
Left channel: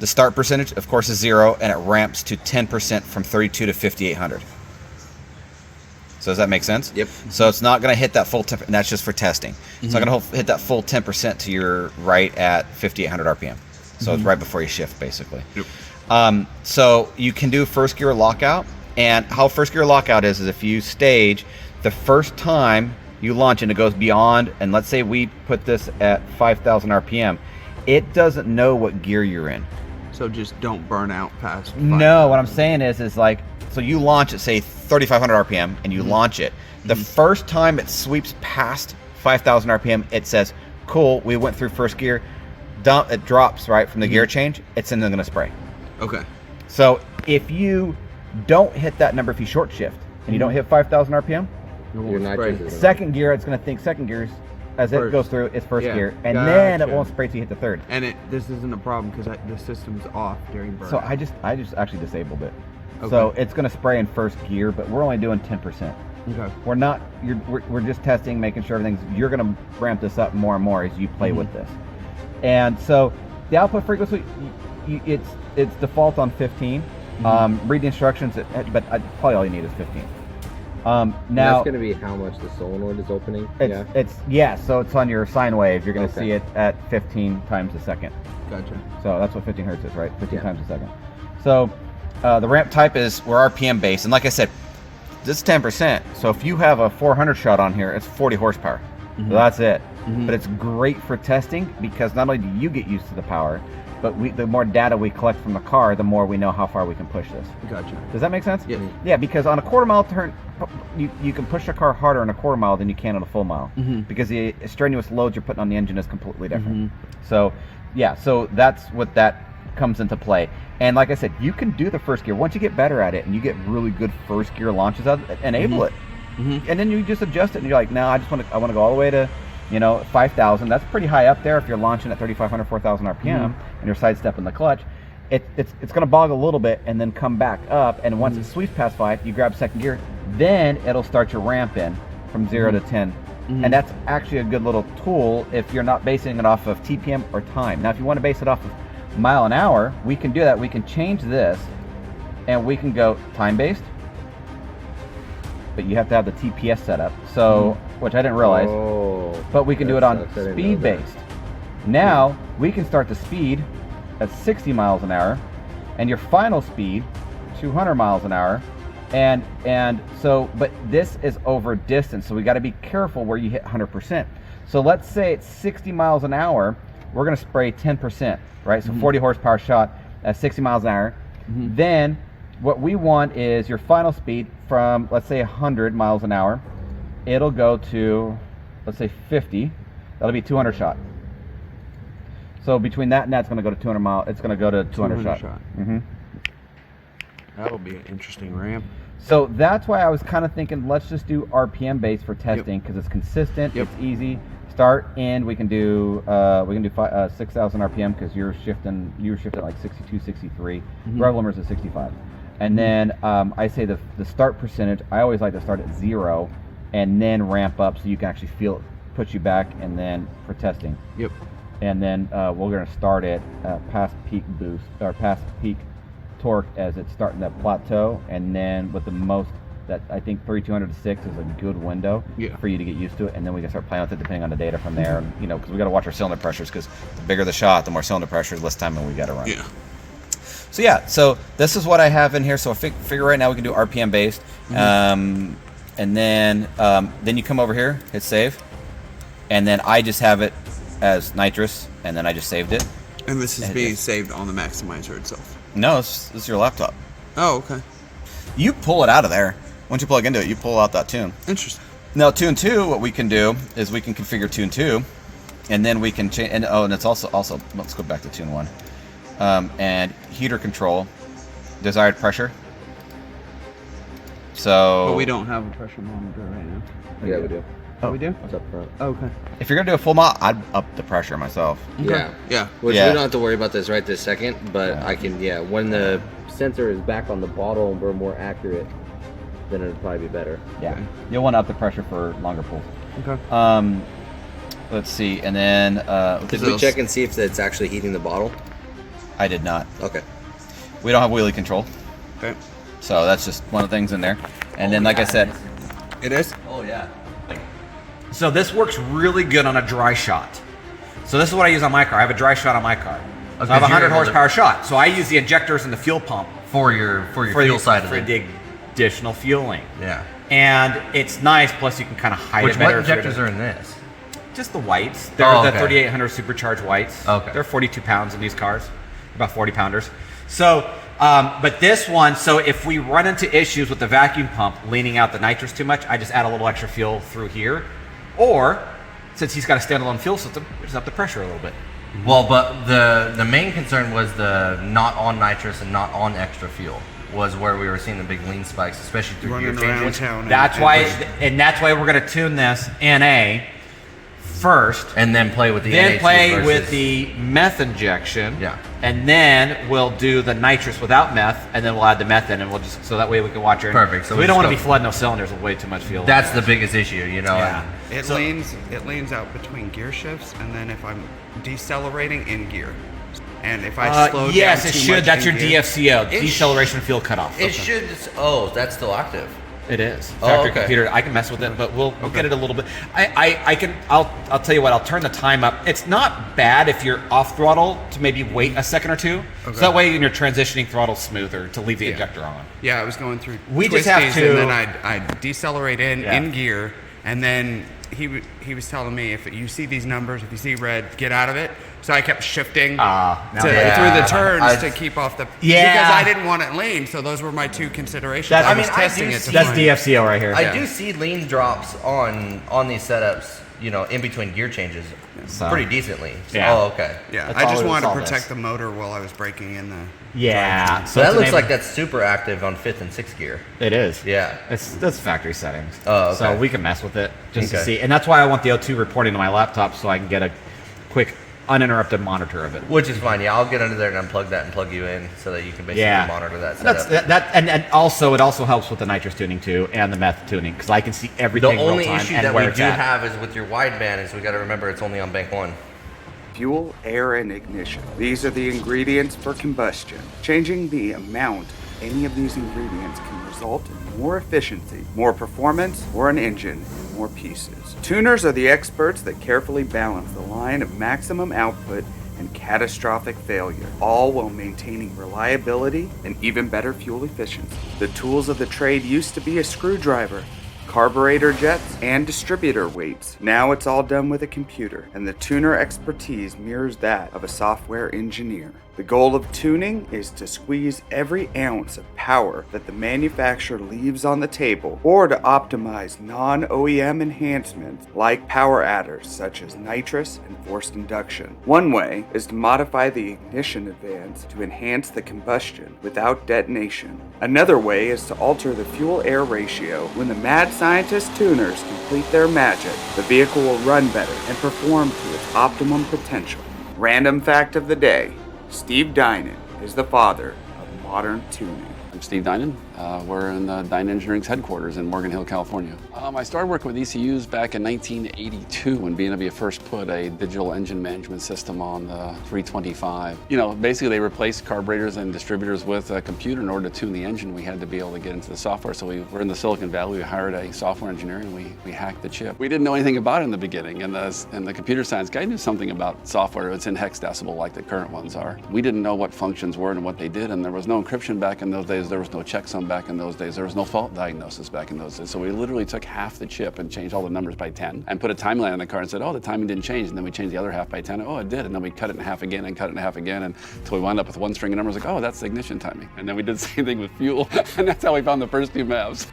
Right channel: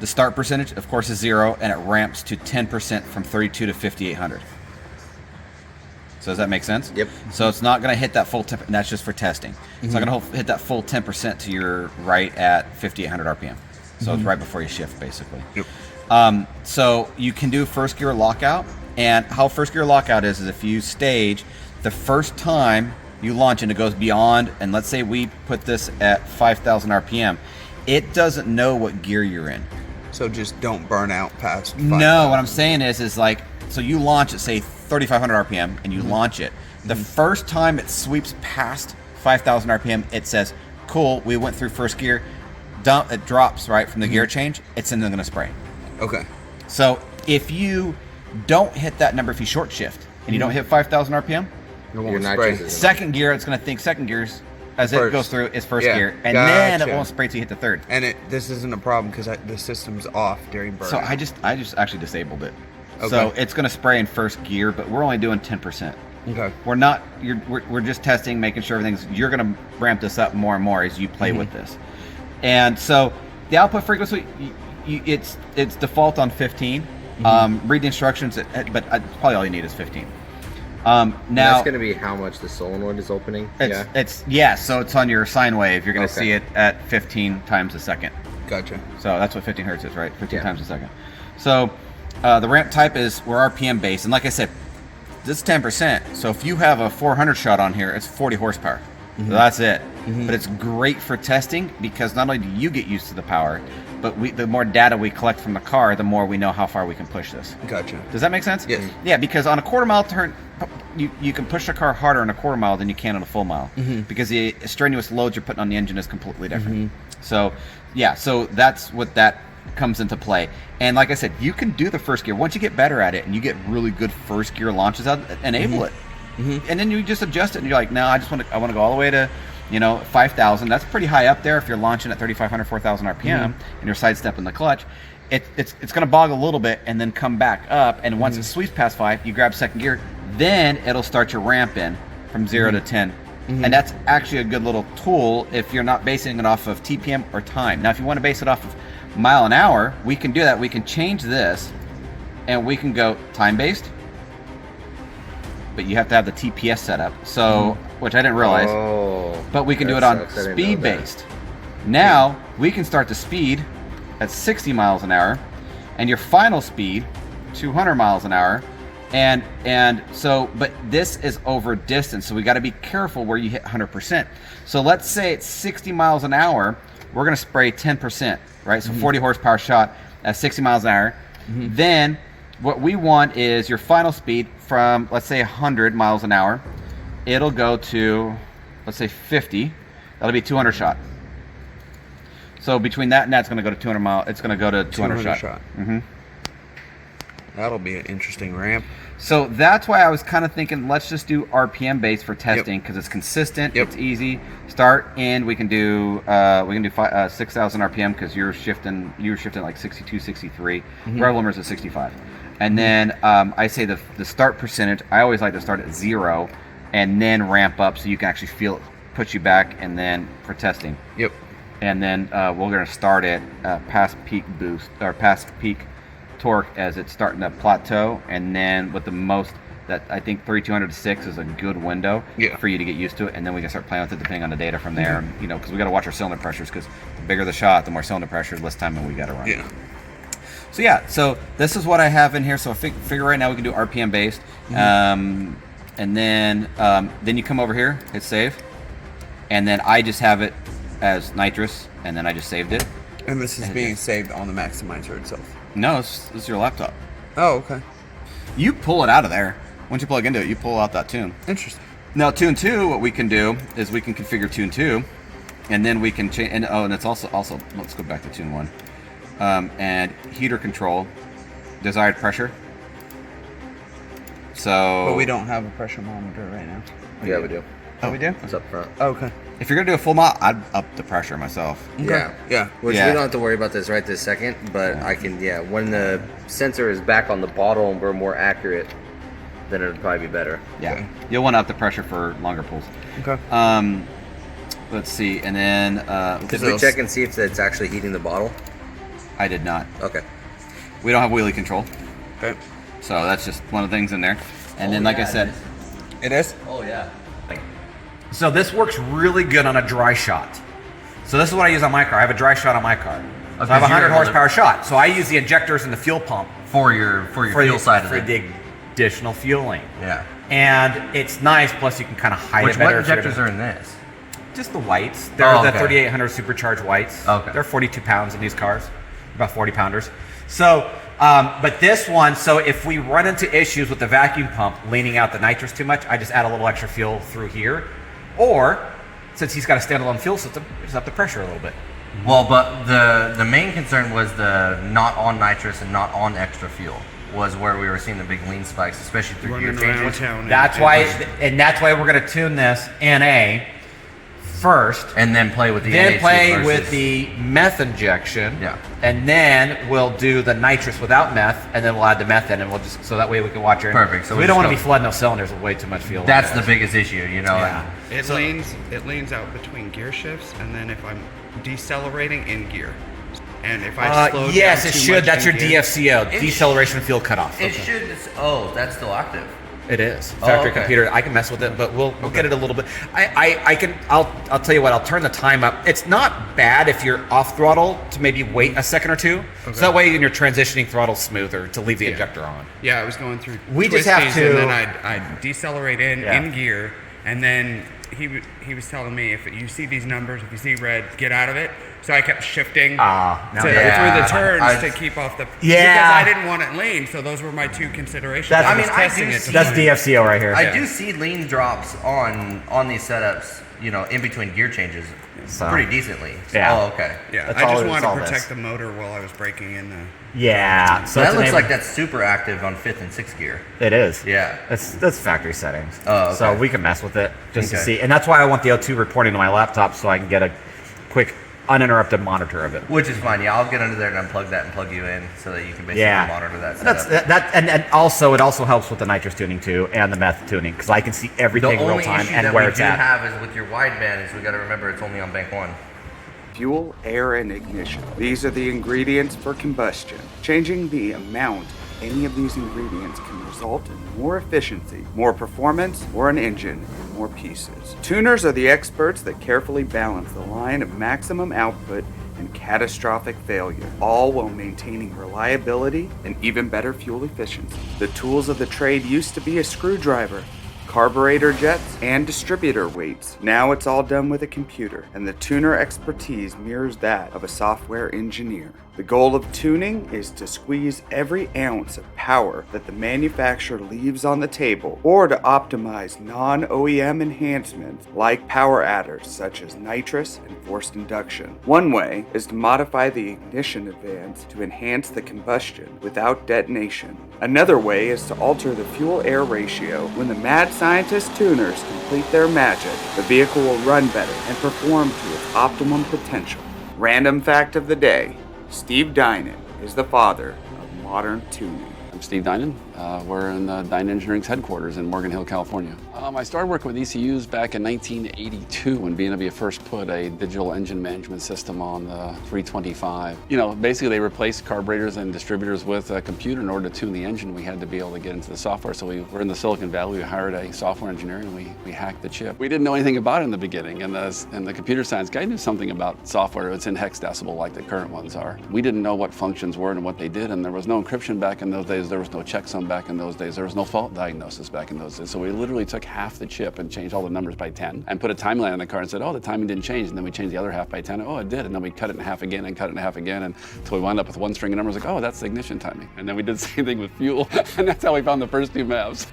The start percentage, of course, is 0, and it ramps to 10% from 32 to 5800. So does that make sense? Yep. So it's not going to hit that full 10%, and that's just for testing. It's not going to hit that full 10% to your right at 5800 RPM. So it's right before you shift, basically. Yep. So you can do first gear lockout, and how first gear lockout is if you stage the first time you launch and it goes beyond, and let's say we put this at 5,000 RPM, it doesn't know what gear you're in. So just don't burn out past 5,000. No, what I'm saying is like, so you launch at say 3,500 RPM and you launch it. The first time it sweeps past 5,000 RPM, it says, cool, we went through first gear. It drops right from the gear change. It's then going to spray. Okay. So if you don't hit that number, if you short shift and you don't hit 5,000 RPM, It Your won't nitrous spray. is second gear, it's going to think second gears as it First. goes through is first Yeah, gear, and then it gotcha. won't spray till you hit the third. And this isn't a problem because the system's off during burnout. So I just actually disabled it. Okay. So it's going to spray in first gear, but we're only doing 10%. Okay. We're not. We're just testing, making sure everything's. You're going to ramp this up more and more as you play with this. And so the output frequency, it's default on 15. Read the instructions, but probably all you need is 15. And Now that's going to be how much the solenoid is opening. so it's on your sine wave. You're going to Okay. see it at 15 times a second. Gotcha. So that's what 15 hertz is, right? 15 Yeah. times a second. So the ramp type is we're RPM based, and like I said, this is 10%. So if you have a 400 shot on here, it's 40 horsepower. So that's it. But it's great for testing because not only do you get used to the power, but the more data we collect from the car, the more we know how far we can push this. Gotcha. Does that make sense? Yes. Yeah, because on a quarter mile turn, you can push the car harder in a quarter mile than you can on a full mile because the strenuous loads you're putting on the engine is completely different. So, yeah, so that's what that comes into play. And like I said, you can do the first gear. Once you get better at it and you get really good first gear launches out, enable it. And then you just adjust it and you're like, no, I want to go all the way to 5,000. That's pretty high up there if you're launching at 3,500, 4,000 RPM and you're sidestepping the clutch. It's going to bog a little bit and then come back up. And once it sweeps past 5, you grab second gear. Then it'll start your ramp in from 0 to 10. And that's actually a good little tool if you're not basing it off of TPM or time. Now, if you want to base it off of mile an hour, we can do that. We can change this and we can go time-based. But you have to have the TPS set up. So, which I didn't realize. Oh, But we can do it that on sucks. I didn't know speed that. based. Now we can start the speed at 60 miles an hour and your final speed 200 miles an hour. And so, but this is over distance. So we got to be careful where you hit 100%. So let's say it's 60 miles an hour. We're going to spray 10%, right? So 40 horsepower shot at 60 miles an hour. Then what we want is your final speed from, let's say 100 miles an hour. It'll go to, let's say 50. That'll be 200 shot. So between that and that's going to go to 200 mile. It's going to go to 200 shot. That'll be an interesting ramp. So that's why I was kind of thinking, let's just do RPM based for testing because it's consistent. Yep. It's easy. Start end. We can do 6,000 RPM because you're shifting like 62, 63. Rev limiters at 65. And then I say the start percentage. I always like to start at 0 and then ramp up so you can actually feel it puts you back, and then for testing. Yep. And then we're going to start it past peak boost or past peak torque as it's starting to plateau, and then with the most that I think 3200 to 6 is a good window for you to get used to it, and then we can start playing with it depending on the data from there. You know, because we got to watch our cylinder pressures, because the bigger the shot, the more cylinder pressure, less time we got to run. Yeah. So yeah, so this is what I have in here. So I figure right now we can do RPM based, and then you come over here, hit save, and then I just have it as nitrous, and then I just saved it. And this is being saved on the maximizer itself. No, this is your laptop. Oh, okay. You pull it out of there. Once you plug into it, you pull out that tune. Interesting. Now, tune 2, what we can do is we can configure tune 2, and then we can change. And it's also let's go back to tune 1. And heater control, desired pressure. So. But we don't have a pressure monitor right now. Yeah, we do. Oh, we do? It's up front. Oh, okay. If you're gonna do a full mod, I'd up the pressure myself. Yeah. Yeah. Which Yeah. we don't have to worry about this right this second, but I can, when the sensor is back on the bottle and we're more accurate, then it'll probably be better. Yeah. Okay. You'll want to up the pressure for longer pulls. Okay. Let's see, and then Did we check and see if it's actually heating the bottle? I did not. Okay. We don't have wheelie control, Okay. so that's just one of the things in there. And then, like I said, It is? Oh, yeah. So this works really good on a dry shot. So this is what I use on my car. I have a dry shot on my car. So I have a 100 horsepower shot. So I use the injectors and the fuel pump for your fuel side of for it. the additional fueling. Yeah. And it's nice. Plus you can kind of hide Which it what better. injectors are in this? Just the whites. They're Oh, the okay. 3800 supercharged whites. Okay. They're 42 pounds in these cars, about 40 pounders. So, but this one, so if we run into issues with the vacuum pump leaning out the nitrous too much, I just add a little extra fuel through here. Or, since he's got a standalone fuel system, just up the pressure a little bit. Well, but the main concern was the not on nitrous and not on extra fuel was where we were seeing the big lean spikes, especially through Running gear around changes. town. That's why we're going to tune this NA first. And then play with the Then NA2 play versus- with the meth injection. Yeah. And then we'll do the nitrous without meth, and then we'll add the meth in, and we'll just so that way we can watch our. Perfect. So we we'll don't want to just be go- flooding those cylinders with way too much fuel. That's the biggest issue, you know. Yeah. It leans out between gear shifts, and then if I'm decelerating in gear, and if I slow down yes, it too should. much That's in your gear, DFCO, It deceleration fuel cutoff. It should. Oh, that's still active. It is. Oh, Factory okay. computer. I can mess with it, but we'll get it a little bit. I'll tell you what. I'll turn the time up. It's not bad if you're off throttle to maybe wait a second or two. So that way when you're transitioning, throttle's smoother to leave the injector on. Yeah, I was going through We just have twisties, to- and then I'd decelerate in gear, and then he was telling me, if you see these numbers, if you see red, get out of it. So I kept shifting through the turns to keep off the Yeah. because I didn't want it lean. So those were my two considerations. That's- I was I testing do it. To That's find- DFCO right here. I do see lean drops on these setups, in between gear changes, So- pretty decently. Yeah. Oh, okay. Yeah, That's I all just it- wanted it's to all protect this. the motor while I was braking in the. Yeah. So that it's looks enabled- like that's super active on 5th and 6th gear. It is. Yeah. That's factory settings. Oh, okay. So we can mess with it just to Okay. see. And that's why I want the O2 reporting to my laptop so I can get a quick, uninterrupted monitor of it. Which is fine. Yeah, I'll get under there and unplug that and plug you in so that you can basically Yeah. monitor that That's setup. and also it also helps with the nitrous tuning too and the meth tuning because I can see The everything real only time issue and that where we it's do at. have is with your wideband is we got to remember it's only on bank 1. Fuel, air, and ignition. These are the ingredients for combustion. Changing the amount of any of these ingredients can result in more efficiency, more performance, or an engine, and more pieces. Tuners are the experts that carefully balance the line of maximum output and catastrophic failure, all while maintaining reliability and even better fuel efficiency. The tools of the trade used to be a screwdriver, carburetor jets, and distributor weights. Now it's all done with a computer, and the tuner expertise mirrors that of a software engineer. The goal of tuning is to squeeze every ounce of power that the manufacturer leaves on the table, or to optimize non-OEM enhancements like power adders such as nitrous and forced induction. One way is to modify the ignition advance to enhance the combustion without detonation. Another way is to alter the fuel-air ratio. When the mad scientist tuners complete their magic, the vehicle will run better and perform to its optimum potential. Random fact of the day: Steve Dinan is the father of modern tuning. I'm Steve Dinan. We're in Dyne Engineering's headquarters in Morgan Hill, California. I started working with ECUs back in 1982 when BMW first put a digital engine management system on the 325. You know, basically they replaced carburetors and distributors with a computer. In order to tune the engine, we had to be able to get into the software. So we were in the Silicon Valley. We hired a software engineer and we hacked the chip. We didn't know anything about it in the beginning, and the computer science guy knew something about software. It's in hex decibel like the current ones are. We didn't know what functions were and what they did, and there was no encryption back in those days. There was no checksum back in those days. There was no fault diagnosis back in those days. So we literally took half the chip and changed all the numbers by 10 and put a timeline on the car and said, oh, the timing didn't change. And then we changed the other half by 10. Oh, it did. And then we cut it in half again and cut it in half again until we wound up with one string of numbers like, oh, that's the ignition timing. And then we did the same thing with fuel. And that's how we found the first two maps.